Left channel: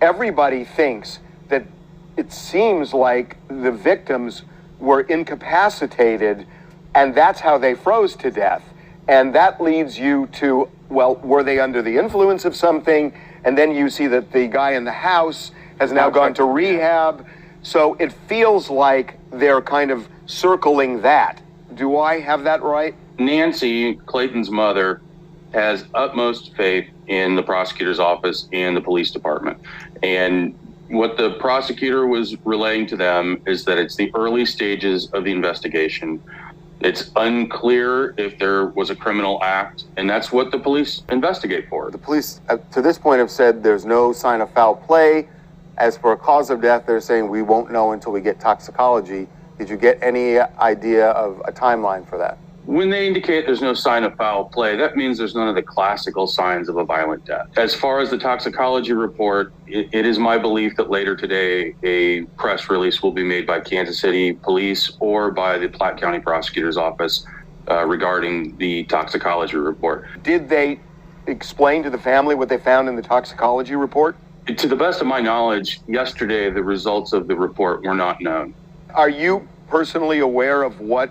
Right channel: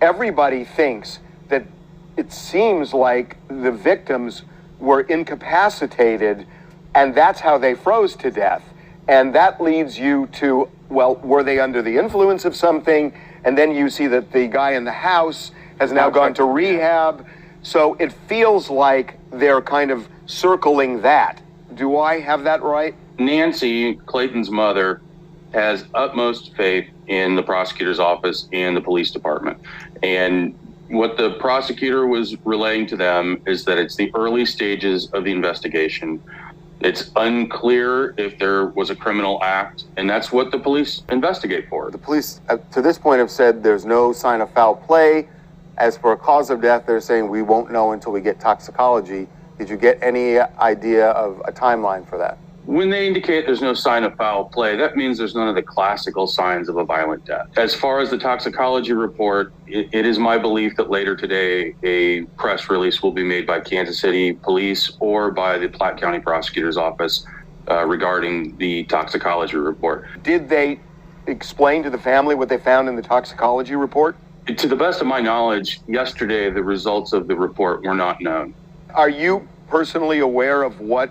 everybody thinks that it seems like the victims were incapacitated and that's how they froze to death. And that leads you to, well, were they under the influence of something? And then you see that the guy in the house has now gone to rehab. So it feels like they're kind of circling that. Do I have that right? Nancy, Clayton's mother, has utmost faith in the prosecutor's office and the police department. And what the prosecutor was relaying to them is that it's the early stages of the investigation. It's unclear if there was a criminal act, and that's what the police investigate for. The police, to this point, have said there's no sign of foul play. As for a cause of death, they're saying we won't know until we get toxicology. Did you get any idea of a timeline for that? When they indicate there's no sign of foul play, that means there's none of the classical signs of a violent death. As far as the toxicology report, it is my belief that later today a press release will be made by Kansas City Police or by the Platte County Prosecutor's Office regarding the toxicology report. Did they explain to the family what they found in the toxicology report? To the best of my knowledge, yesterday the results of the report were not known. Are you personally aware of what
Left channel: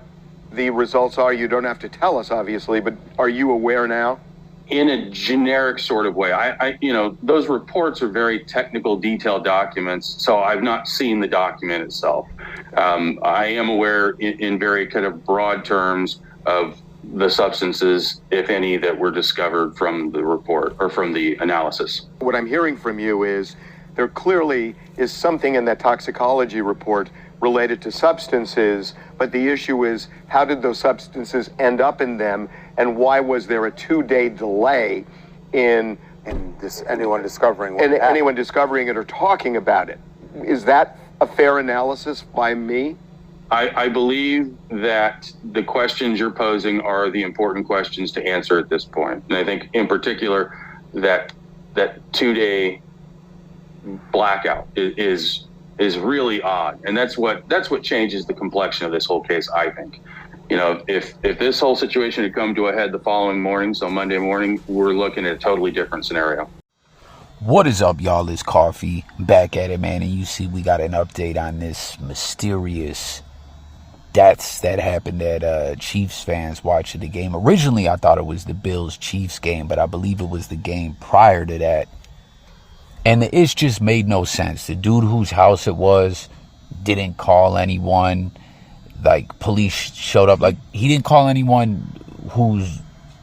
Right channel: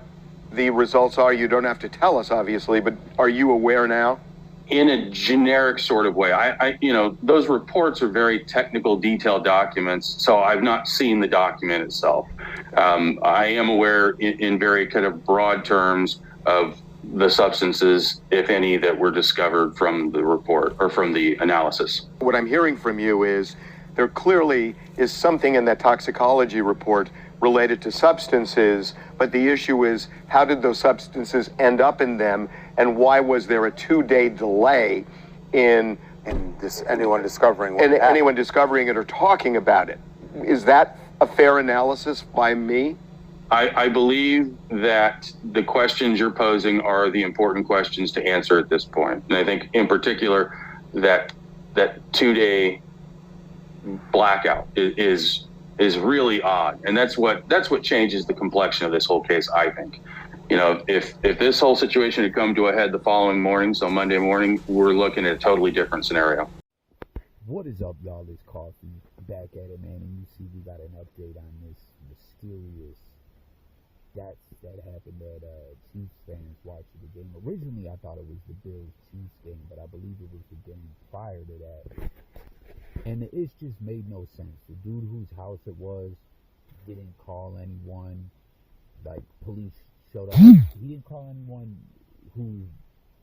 the results are? You don't have to tell us, obviously, but are you aware now? In a generic sort of way. Those reports are very technical, detailed documents, so I've not seen the document itself. I am aware in very kind of broad terms of the substances, if any, that were discovered from the report or from the analysis. What I'm hearing from you is there clearly is something in that toxicology report related to substances, but the issue is how did those substances end up in them, and why was there a 2-day delay in anyone discovering anyone discovering it or talking about it? Is that a fair analysis by me? I believe that the questions you're posing are the important questions to answer at this point. And I think in particular that 2-day blackout is really odd. And that's what changes the complexion of this whole case, I think. You know, if this whole situation had come to a head the following morning, so Monday morning, we're looking at a totally different scenario. What is up, y'all? It's Coffee back at it, man. And you see we got an update on this mysterious deaths that happened at Cheifs fans watching the game. Originally, I thought it was the Bills-Chiefs game, but I believe it was the game prior to that. And it just made no sense. The dude whose house it was didn't call anyone. Like, police showed up. Like, he didn't call anyone whose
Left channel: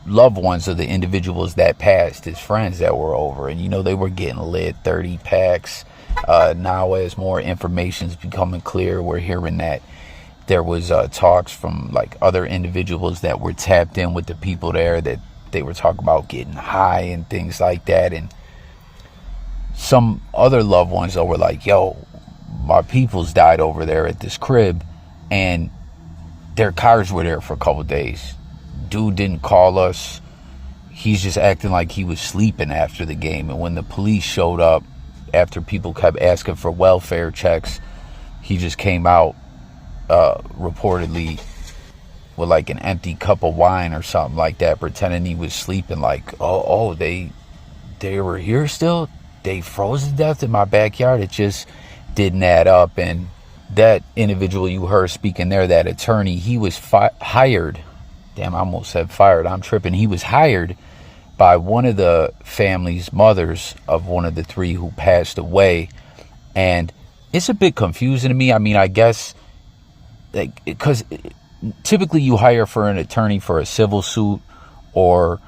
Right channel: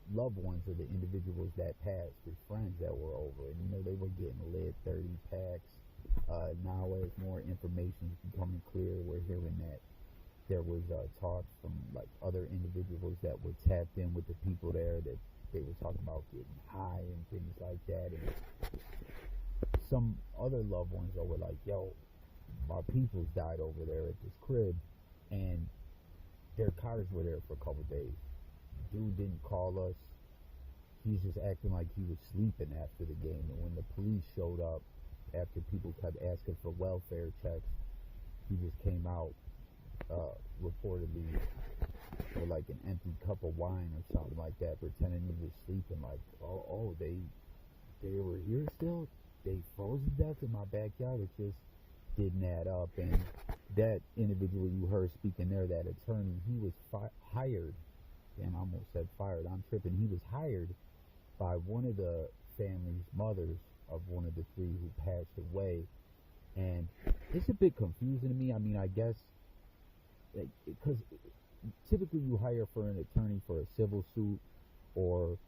loved ones of the individuals that passed, his friends that were over. And, you know, they were getting lit, 30 packs. Now, as more information is becoming clear, we're hearing that there was talks from, like, other individuals that were tapped in with the people there, that they were talking about getting high and things like that. And some other loved ones that were like, yo, my peoples died over there at this crib, and their cars were there for a couple days. Dude didn't call us. He's just acting like he was sleeping after the game. And when the police showed up, after people kept asking for welfare checks, he just came out reportedly with like an empty cup of wine or something like that, pretending he was sleeping. Like, oh, they were here still? They froze to death in my backyard? It just didn't add up. And that individual you heard speaking there, that attorney, he was hired. Damn, I almost said fired. I'm tripping. He was hired by one of the family's mothers of one of the three who passed away. And it's a bit confusing to me. I mean, I guess, like, because typically you hire for an attorney for a civil suit or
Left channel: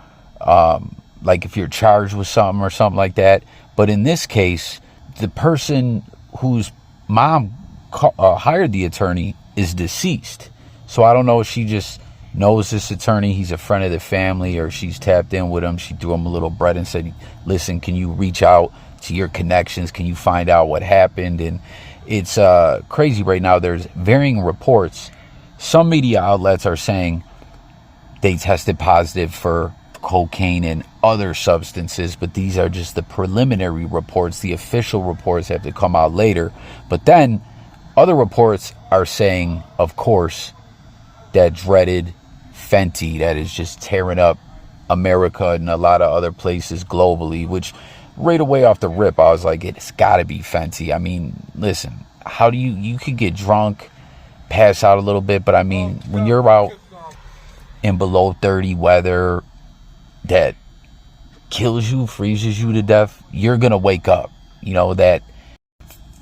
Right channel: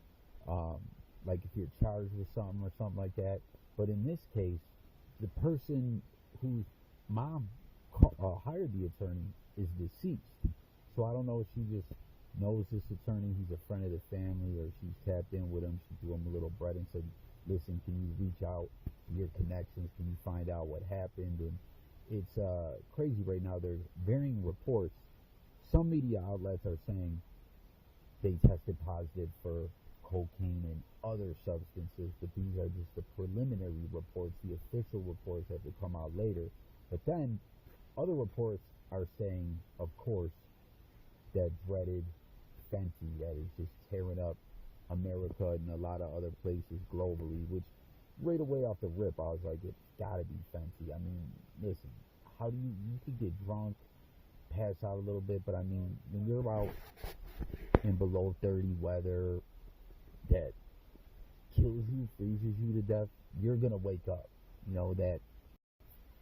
like if you're charged with something or something like that. But in this case, the person whose mom hired the attorney is deceased. So I don't know if she just knows this attorney, he's a friend of the family, or she's tapped in with him. She threw him a little bread and said, listen, can you reach out to your connections? Can you find out what happened? And it's crazy right now. There's varying reports. Some media outlets are saying they tested positive for cocaine and other substances, but these are just the preliminary reports. The official reports have to come out later. But then other reports are saying, of course, that dreaded Fenty that is just tearing up America and a lot of other places globally, which right away off the rip, I was like, it's got to be Fenty. I mean, listen, how do you could get drunk, pass out a little bit, but I mean, when you're out in below 30 weather that kills you, freezes you to death, you're going to wake up. You know, that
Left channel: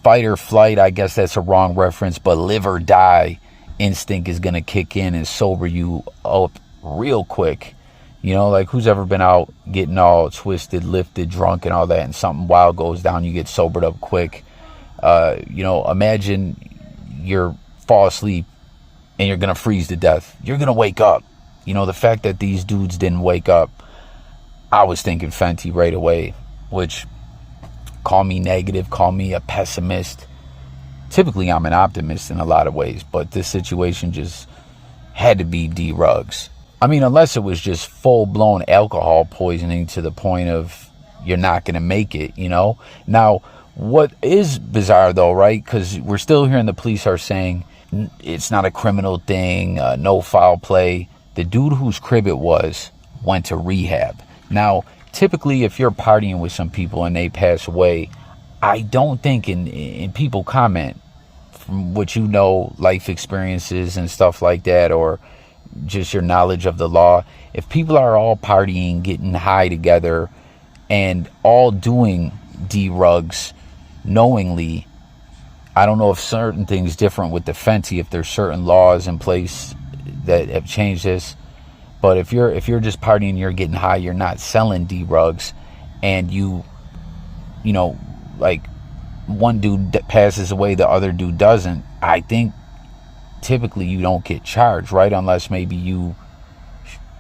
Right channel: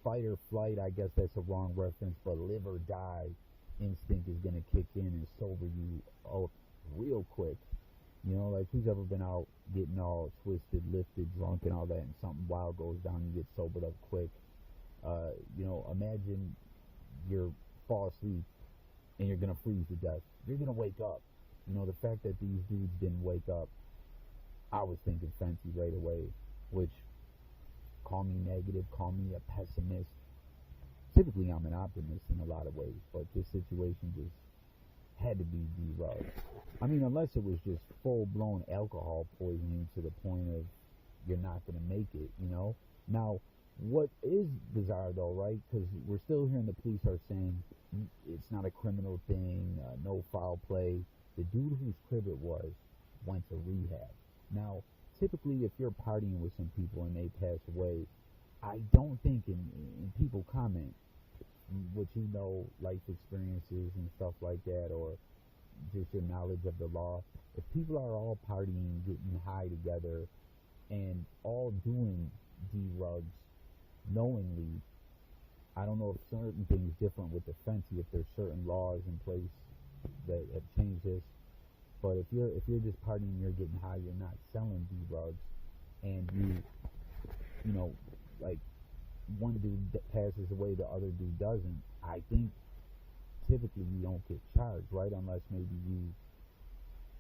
fight or flight, I guess that's a wrong reference, but live or die instinct is going to kick in and sober you up real quick. You know, like who's ever been out getting all twisted, lifted, drunk and all that, and something wild goes down, you get sobered up quick. You know, imagine you're fall asleep and you're going to freeze to death. You're going to wake up. You know, the fact that these dudes didn't wake up, I was thinking Fenty right away, which, call me negative, call me a pessimist. Typically, I'm an optimist in a lot of ways, but this situation just had to be D-Rugs. I mean, unless it was just full-blown alcohol poisoning to the point of you're not going to make it, you know? Now, what is bizarre, though, right? Because we're still hearing the police are saying it's not a criminal thing, no foul play. The dude whose crib it was went to rehab. Now, typically, if you're partying with some people and they pass away, I don't think, and people comment from what you know, life experiences and stuff like that, or just your knowledge of the law, if people are all partying, getting high together, and all doing D-Rugs knowingly, I don't know if certain things different with the Fenty, if there's certain laws in place that have changed this. But if you're just partying, you're getting high, you're not selling D-Rugs, and you know, like one dude passes away, the other dude doesn't, I think typically you don't get charged, right? Unless maybe you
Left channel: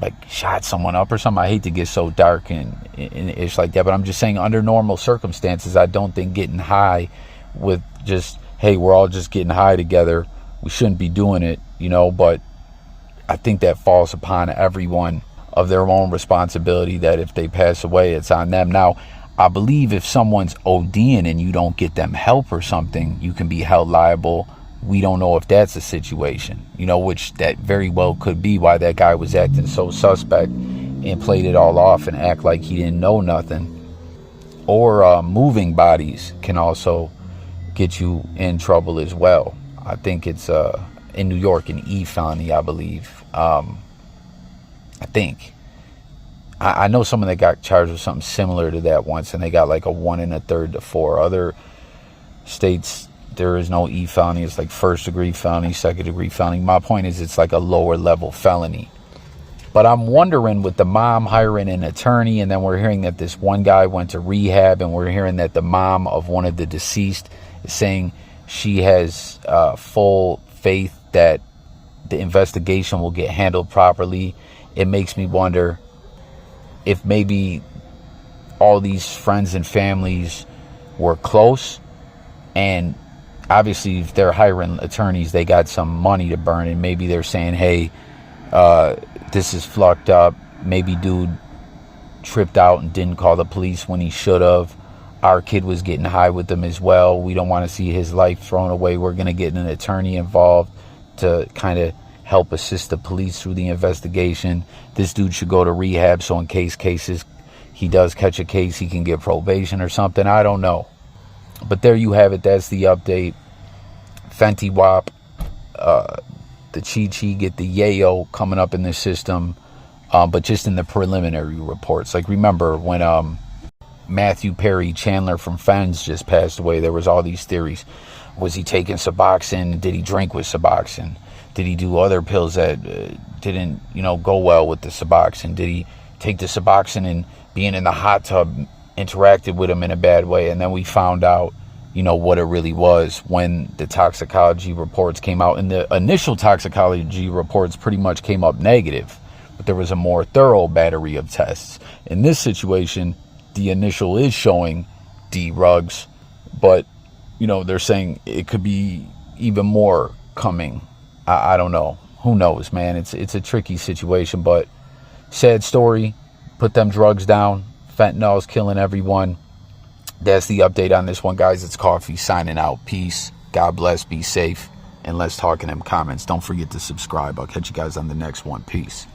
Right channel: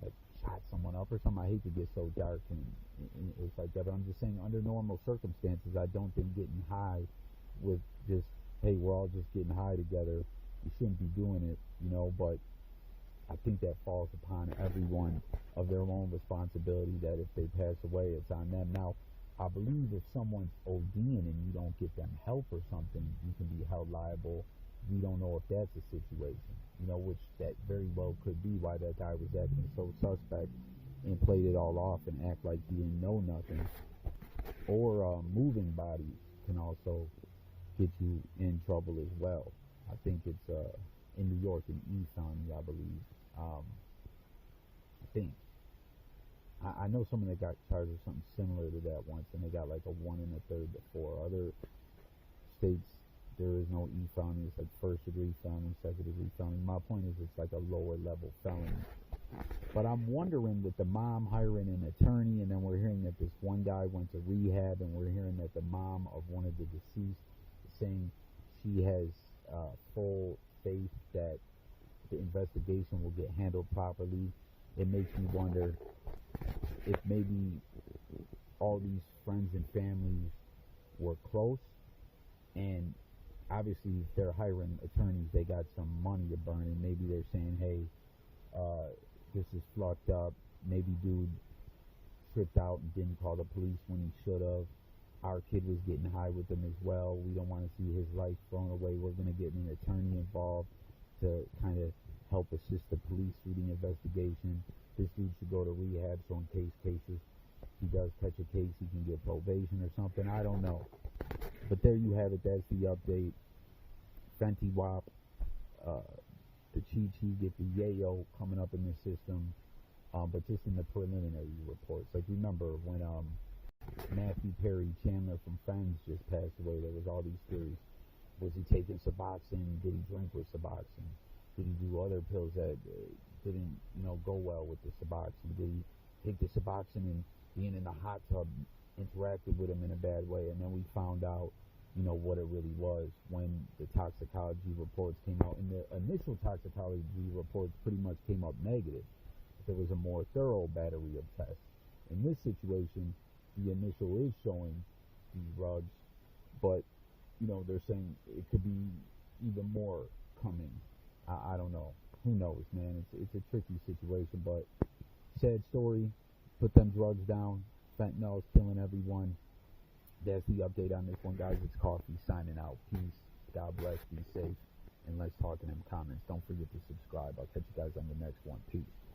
like shot someone up or something. I hate to get so dark and it's like that, but I'm just saying under normal circumstances, I don't think getting high with just, hey, we're all just getting high together, we shouldn't be doing it, you know. But I think that falls upon everyone of their own responsibility, that if they pass away, it's on them. Now, I believe if someone's ODing and you don't get them help or something, you can be held liable. We don't know if that's a situation, you know, which that very well could be why that guy was acting so suspect and played it all off and act like he didn't know nothing. Or moving bodies can also get you in trouble as well. I think it's in New York an e-felony, I believe. I think. I know someone that got charged with something similar to that once, and they got like a 1 1/3 to 4. Other states, there is no e-felony. It's like first degree felony, second degree felony. My point is, it's like a lower level felony. But I'm wondering, with the mom hiring an attorney, and then we're hearing that this one guy went to rehab, and we're hearing that the mom of one of the deceased is saying she has full faith that the investigation will get handled properly. It makes me wonder if maybe all these friends and families were close, and obviously if they're hiring attorneys, they got some money to burn, and maybe they're saying, hey, this is fucked up. Maybe dude tripped out and didn't call the police when he should have. Our kid was getting high with them as well. We don't want to see his life thrown away. We're going to get an attorney involved to kind of help assist the police through the investigation. This dude should go to rehab, so in cases he does catch a case, he can get probation or something. I don't know. But there you have it. That's the update. Fenty Wap, the Chi get the yayo coming up in the system, but just in the preliminary reports. Like, remember when Matthew Perry Chandler from Friends just passed away, there was all these theories. Was he taking Suboxone? Did he drink with Suboxone? Did he do other pills that didn't, go well with the Suboxone? Did he take the Suboxone and being in the hot tub interacted with him in a bad way? And then we found out, what it really was when the toxicology reports came out. And the initial toxicology reports pretty much came up negative, but there was a more thorough battery of tests. In this situation, the initial is showing D-Rugs, but, they're saying it could be even more coming. I don't know. Who knows, man? It's a tricky situation, but sad story. Put them drugs down. Fentanyl's killing everyone. That's the update on this one, guys. It's Coffee signing out. Peace. God bless. Be safe. And let's talk in them comments. Don't forget to subscribe. I'll catch you guys on the next one. Peace.